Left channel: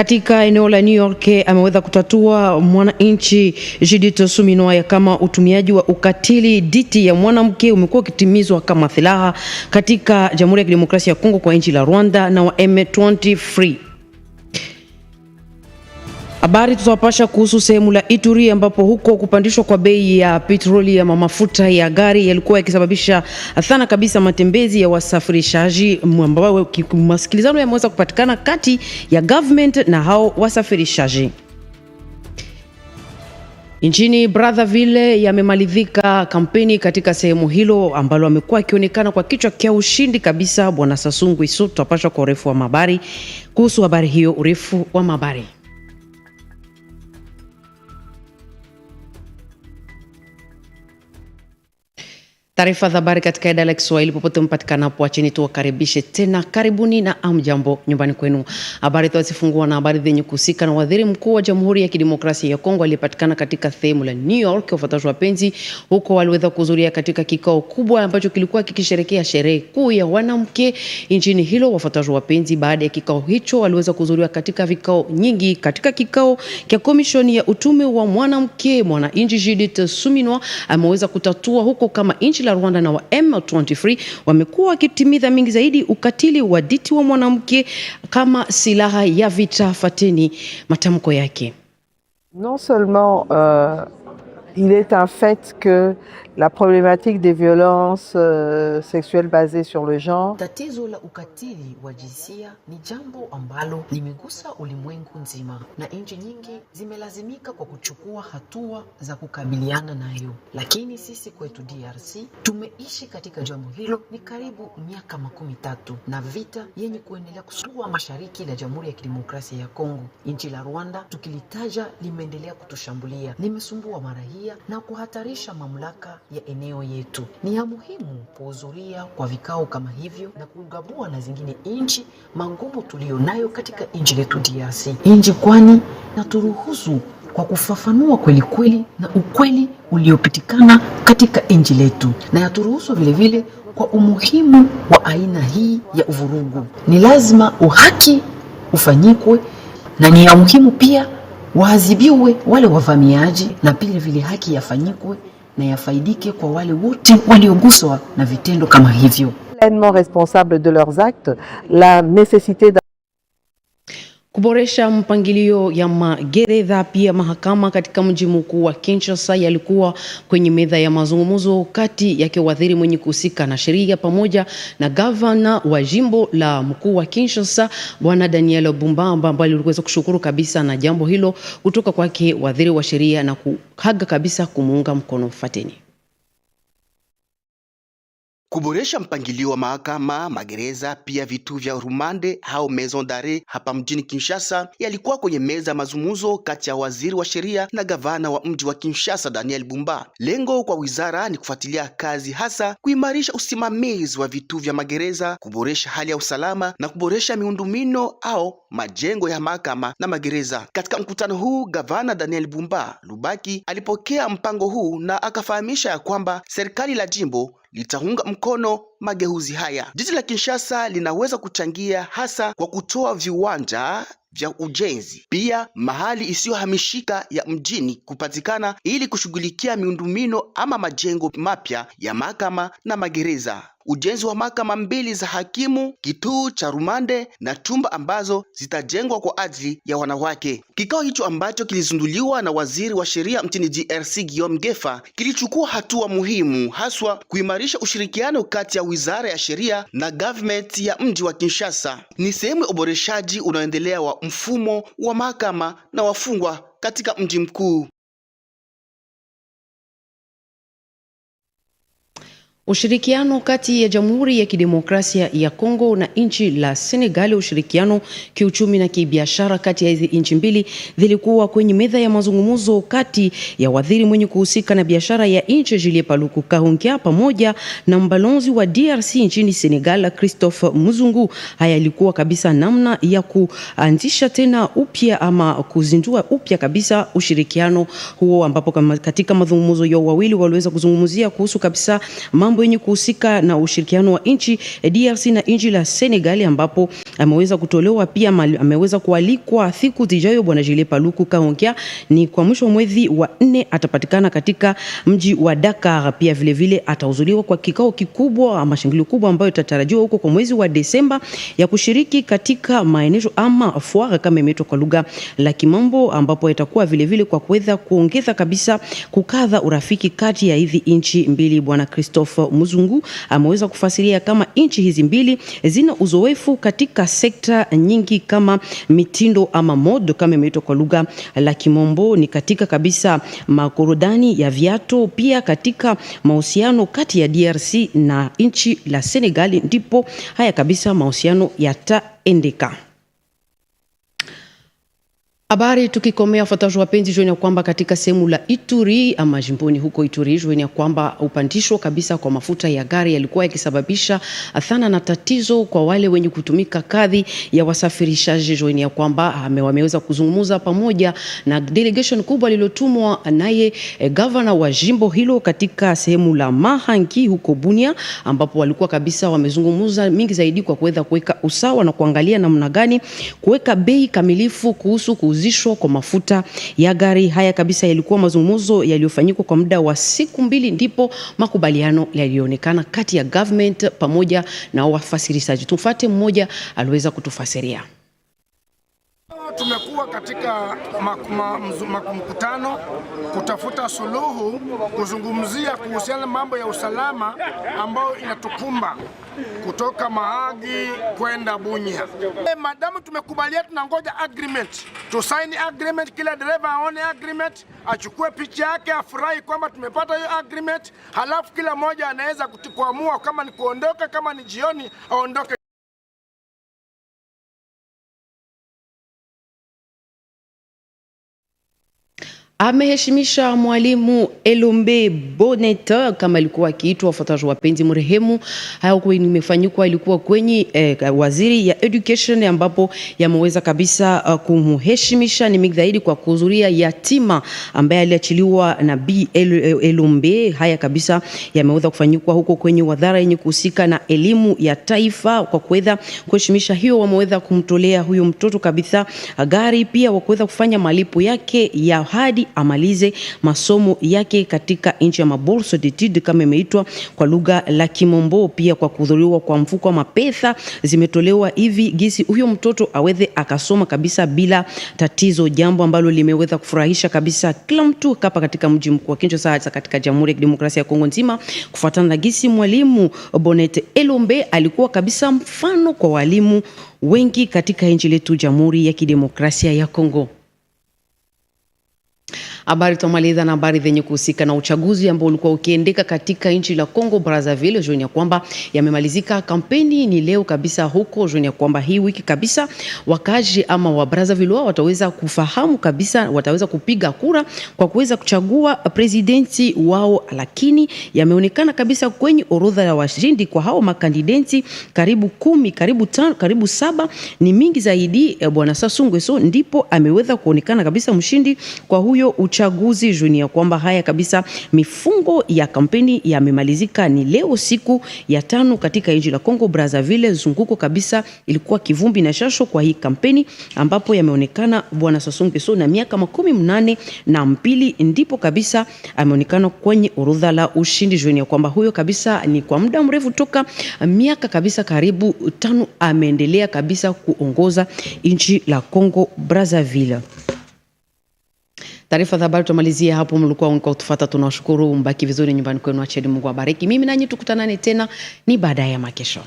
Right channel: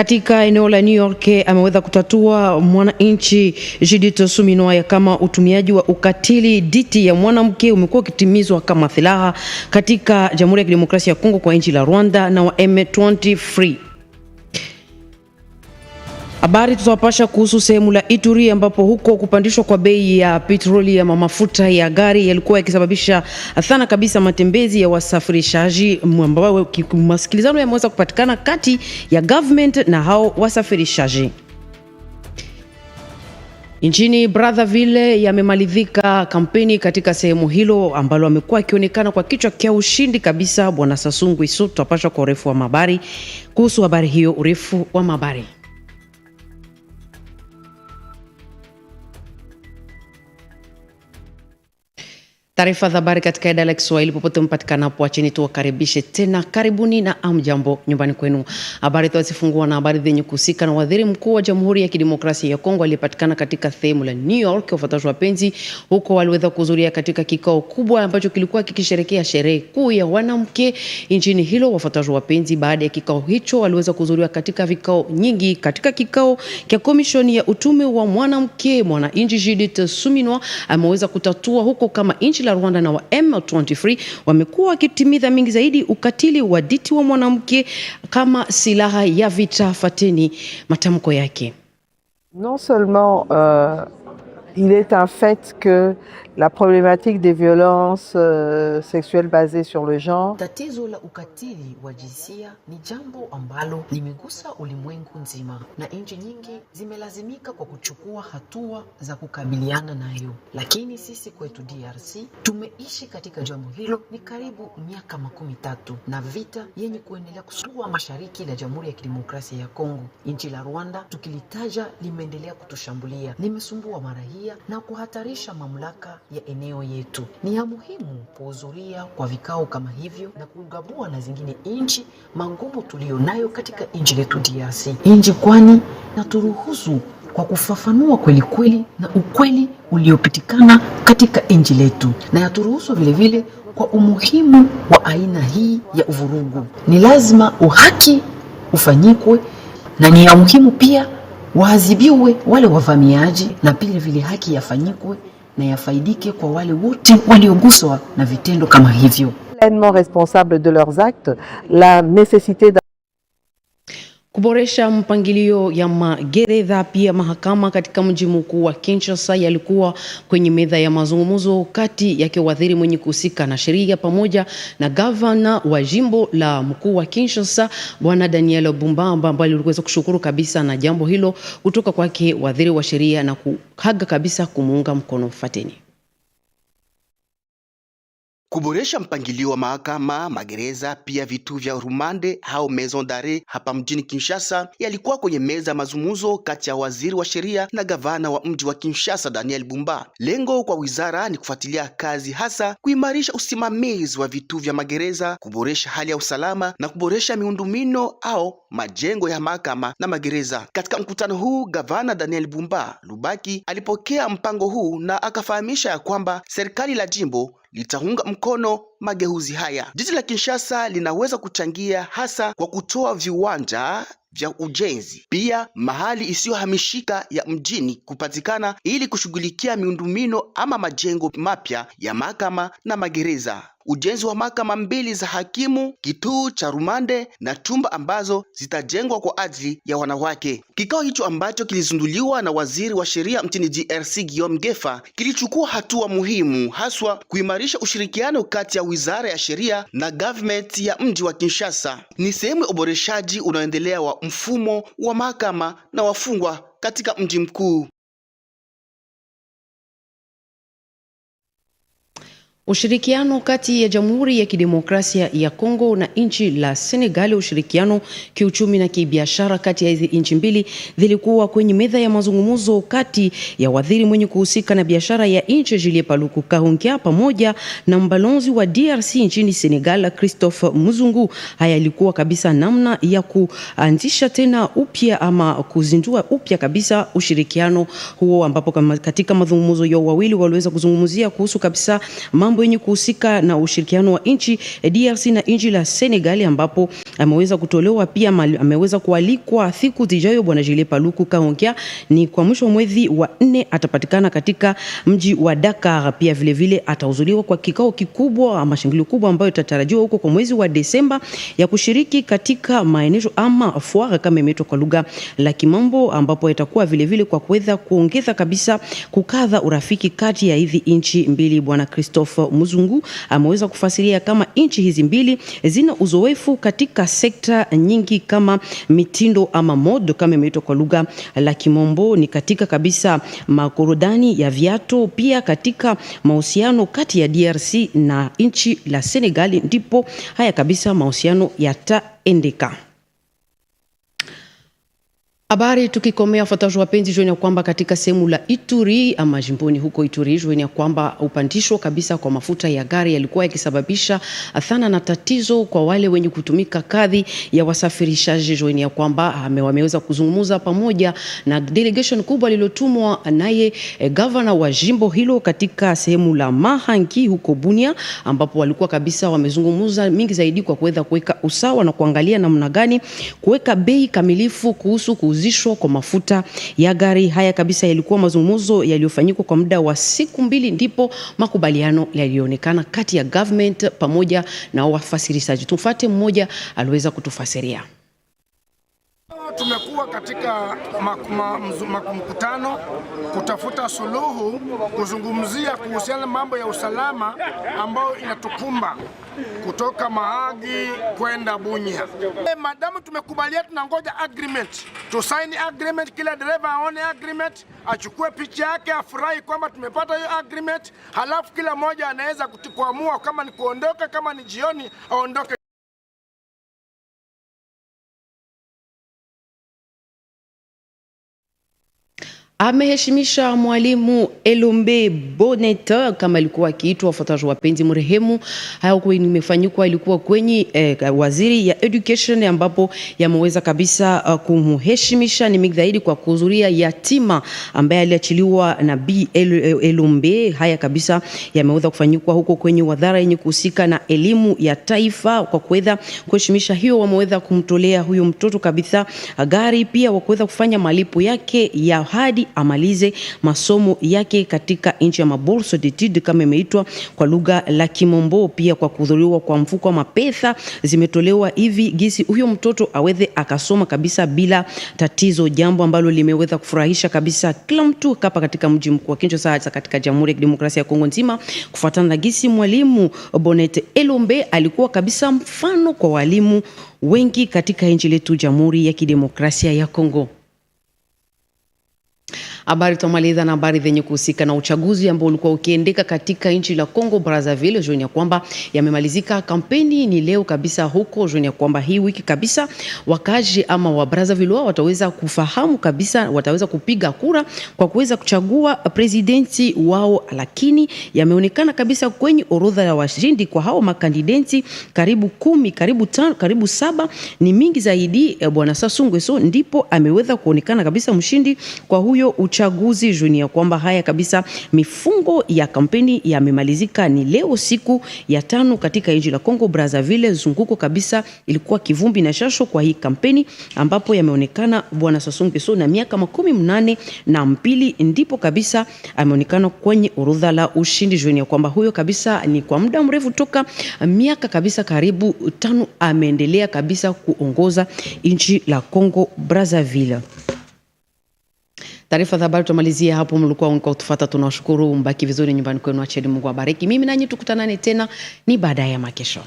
Katika eneo la New York ameweza kutatua mwananchi Judith Suminwa kama utumiaji wa ukatili dhidi ya mwanamke umekuwa ukitimizwa kama silaha katika Jamhuri ya Kidemokrasia ya Kongo kwa nchi la Rwanda na wa M23. Habari tutawapasha kuhusu sehemu la Ituri ambapo huko kupandishwa kwa bei ya petroli ya mafuta ya gari yalikuwa yakisababisha athana kabisa matembezi ya wasafirishaji, ambao masikilizano yameweza kupatikana kati ya government na hao wasafirishaji. Nchini Brazzaville yamemalizika kampeni katika sehemu hilo ambalo amekuwa akionekana kwa kichwa kia ushindi kabisa Bwana Sassou Nguesso. Tutapasha kwa urefu wa habari kuhusu habari hiyo, urefu wa habari. Taarifa za habari katika idara ya Kiswahili popote mpatikana hapo, acheni tuwakaribishe tena, karibuni na amjambo nyumbani kwenu. Habari tuwazifungua na habari zenye kuhusika na waziri mkuu wa Jamhuri ya Kidemokrasia ya Kongo aliyepatikana katika sehemu la New York. Wafuataji wapenzi huko waliweza kuhudhuria katika kikao kubwa ambacho kilikuwa kikisherehekea sherehe kuu ya wanawake nchini hilo. Wafuataji wapenzi, baada ya kikao hicho waliweza kuhudhuria katika vikao nyingi. Katika kikao cha komishoni ya utume wa mwanamke, mwananchi Judith Suminwa ameweza kutatua huko kama nchi la Rwanda na wa M23 wamekuwa wakitimiza mingi zaidi ukatili wa dhidi wa mwanamke kama silaha ya vita. Fateni matamko yake. Non seulement il est un fait que la problématique des violences sexuelles basées sur le genre. Tatizo la ukatili wa jinsia ni jambo ambalo limegusa ulimwengu nzima na nchi nyingi zimelazimika kwa kuchukua hatua za kukabiliana nayo. Lakini sisi kwetu DRC tumeishi katika jambo hilo ni karibu miaka 13 na vita yenye kuendelea kusua mashariki la Jamhuri ya Kidemokrasia ya Kongo. Nchi la Rwanda tukilitaja limeendelea kutushambulia, limesumbua marahia na kuhatarisha mamlaka ya eneo yetu. Ni ya muhimu kuhudhuria kwa vikao kama hivyo na kugabua na zingine nchi magumu tulionayo katika nchi letu DRC. Nchi kwani na turuhusu kwa kufafanua kweli kweli na ukweli uliopitikana katika nchi letu, na yaturuhusu vile vile kwa umuhimu wa aina hii ya uvurugu. Ni lazima uhaki ufanyikwe na ni ya muhimu pia waadhibiwe wale wavamiaji, na pia vile haki yafanyikwe na yafaidike kwa wale wote walioguswa na vitendo kama hivyo. Pleinement responsable de leurs actes, la nécessité kuboresha mpangilio ya magereza pia mahakama katika mji mkuu wa Kinshasa yalikuwa kwenye meza ya mazungumzo kati yake waziri mwenye kuhusika na sheria pamoja na gavana wa jimbo la mkuu wa Kinshasa Bwana Daniel Bumbamba, ambaye aliweza kushukuru kabisa na jambo hilo kutoka kwake waziri wa sheria na kuhaga kabisa kumuunga mkono. Fateni. Kuboresha mpangilio wa mahakama, magereza pia vitu vya rumande au maison d'arrêt hapa mjini Kinshasa yalikuwa kwenye meza mazungumzo kati ya waziri wa sheria na gavana wa mji wa Kinshasa Daniel Bumba. Lengo kwa wizara ni kufuatilia kazi, hasa kuimarisha usimamizi wa vitu vya magereza, kuboresha hali ya usalama na kuboresha miundombinu au majengo ya mahakama na magereza. Katika mkutano huu, gavana Daniel Bumba Lubaki alipokea mpango huu na akafahamisha ya kwamba serikali la jimbo litaunga mkono mageuzi haya. Jiji la Kinshasa linaweza kuchangia hasa kwa kutoa viwanja vya ujenzi, pia mahali isiyohamishika ya mjini kupatikana ili kushughulikia miundombinu ama majengo mapya ya mahakama na magereza. Ujenzi wa mahakama 2 za hakimu, kituo cha rumande na chumba ambazo zitajengwa kwa ajili ya wanawake. Kikao hicho ambacho kilizunduliwa na waziri wa sheria mjini DRC Guillaume Ngefa kilichukua hatua muhimu, haswa kuimarisha ushirikiano kati ya wizara ya sheria na government ya mji wa Kinshasa. Ni sehemu ya uboreshaji unaoendelea wa mfumo wa mahakama na wafungwa katika mji mkuu. Ushirikiano kati ya Jamhuri ya Kidemokrasia ya Kongo na nchi la Senegal, ushirikiano kiuchumi na kibiashara kati ya hizi nchi mbili zilikuwa kwenye meza ya mazungumzo kati ya waziri mwenye kuhusika na biashara ya nchi Julien Paluku Kahongya pamoja na mbalozi wa DRC nchini Senegal Christophe Muzungu. Haya ilikuwa kabisa namna ya kuanzisha tena upya ama kuzindua upya kabisa ushirikiano huo, ambapo katika mazungumzo yao wawili waliweza kuzungumzia kuhusu kabisa mambo yenye kuhusika na ushirikiano wa nchi DRC na nchi la Senegal, ambapo ameweza kutolewa pia ameweza kualikwa siku zijayo. Bwana Julien Paluku Kahongya ni kwa mwisho wa mwezi wa 4 atapatikana katika mji wa Dakar. Pia vile vile atahudhuriwa kwa kikao kikubwa ama shangilio kubwa ambayo itatarajiwa huko kwa mwezi wa Desemba ya kushiriki katika maeneo ama foire kama imeitwa kwa lugha la Kimombo, ambapo itakuwa vile vile kwa kuweza kuongeza kabisa kukadha urafiki kati ya hizi nchi mbili. Bwana Christophe Muzungu ameweza kufasiria kama nchi hizi mbili zina uzoefu katika sekta nyingi kama mitindo ama mode kama imeitwa kwa lugha la Kimombo, ni katika kabisa makorodani ya viatu, pia katika mahusiano kati ya DRC na nchi la Senegal ndipo haya kabisa mahusiano yataendeka. Habari tukikomea fuataji wapenzi, jua kwamba katika sehemu la Ituri ama jimboni huko Ituri, jua kwamba upandisho kabisa kwa mafuta ya gari yalikuwa yakisababisha athana na tatizo kwa wale wenye kutumika kadhi ya wasafirishaji. Jua kwamba wameweza kuzungumza pamoja na delegation kubwa lilotumwa naye governor wa jimbo hilo katika sehemu la Mahangi huko Bunia, ambapo walikuwa kabisa wamezungumza mingi zaidi kwa kuweza kuweka usawa na kuangalia namna gani kuweka bei kamilifu kuhusu kuuzishwa kwa mafuta ya gari. Haya kabisa yalikuwa mazungumzo yaliyofanyika kwa muda wa siku 2, ndipo makubaliano yalionekana kati ya government pamoja na wafasirishaji. Tufuate mmoja aliweza kutufasiria. Tumekuwa katika mkutano kutafuta suluhu, kuzungumzia kuhusiana mambo ya usalama ambayo inatukumba kutoka Mahagi kwenda Bunia. Madamu tumekubalia, tunangoja agreement, tusaini agreement, kila dereva aone agreement, achukue picha yake, afurahi kwamba tumepata hiyo agreement, halafu kila mmoja anaweza kuamua kama ni kuondoka, kama ni jioni aondoke. Ameheshimisha mwalimu Elombe Bonnet kama alikuwa akiitwa wafuataji wapenzi mrehemu. Hayo imefanyikwa ilikuwa kwenye waziri ya education, ambapo yameweza kabisa kumheshimisha ni migzaidi kwa kuhudhuria yatima ambaye aliachiliwa na B Elombe. Haya kabisa yameweza kufanyikwa huko kwenye wadhara yenye kuhusika na elimu ya taifa. Kwa kuweza kuheshimisha hiyo, wameweza kumtolea huyo mtoto kabisa gari, pia wakuweza kufanya malipo yake ya hadi amalize masomo yake katika nchi ya mabourse d'études kama imeitwa kwa lugha la Kimombo. Pia kwa kuhudhuriwa kwa mfuko wa mapesa zimetolewa hivi gisi huyo mtoto aweze akasoma kabisa bila tatizo, jambo ambalo limeweza kufurahisha kabisa kila mtu hapa katika mji mkuu wa Kinshasa katika Jamhuri ya Kidemokrasia ya Kongo nzima, kufuatana na gisi mwalimu Bonnet Elombe alikuwa kabisa mfano kwa walimu wengi katika nchi letu Jamhuri ya Kidemokrasia ya Kongo. Habari tumaliza na habari zenye kuhusika na uchaguzi ambao ulikuwa ukiendeka katika nchi la Kongo Brazzaville. Jua kwamba yamemalizika kampeni ni leo kabisa huko. Jua kwamba hii wiki kabisa wakaji ama wa Brazzaville wataweza kufahamu kabisa, wataweza kupiga kura kwa kuweza kuchagua presidenti wao, lakini yameonekana kabisa kwenye orodha ya washindi kwa hao makandidati karibu 10, karibu 5, karibu 7 ni mingi zaidi. Bwana Sassou Nguesso ndipo ameweza kuonekana kabisa mshindi kwa huyo uchaguzi. Jua kwamba haya kabisa mifungo ya kampeni yamemalizika ni leo siku ya 5 katika nchi la Kongo Brazzaville. Zunguko kabisa ilikuwa kivumbi na shasho kwa hii kampeni, ambapo yameonekana Bwana Sassou Nguesso na miaka 82 ndipo kabisa ameonekana kwenye orodha la ushindi. Jua kwamba huyo kabisa ni kwa muda mrefu toka miaka kabisa karibu 5 ameendelea kabisa kuongoza nchi la Kongo Brazzaville. Taarifa za habari tumalizia hapo. Mlikuwa mkatufuata, tunawashukuru. Mbaki vizuri nyumbani kwenu, acheni Mungu abariki. Mimi nanyi tukutanane tena ni baadaye ya makesho.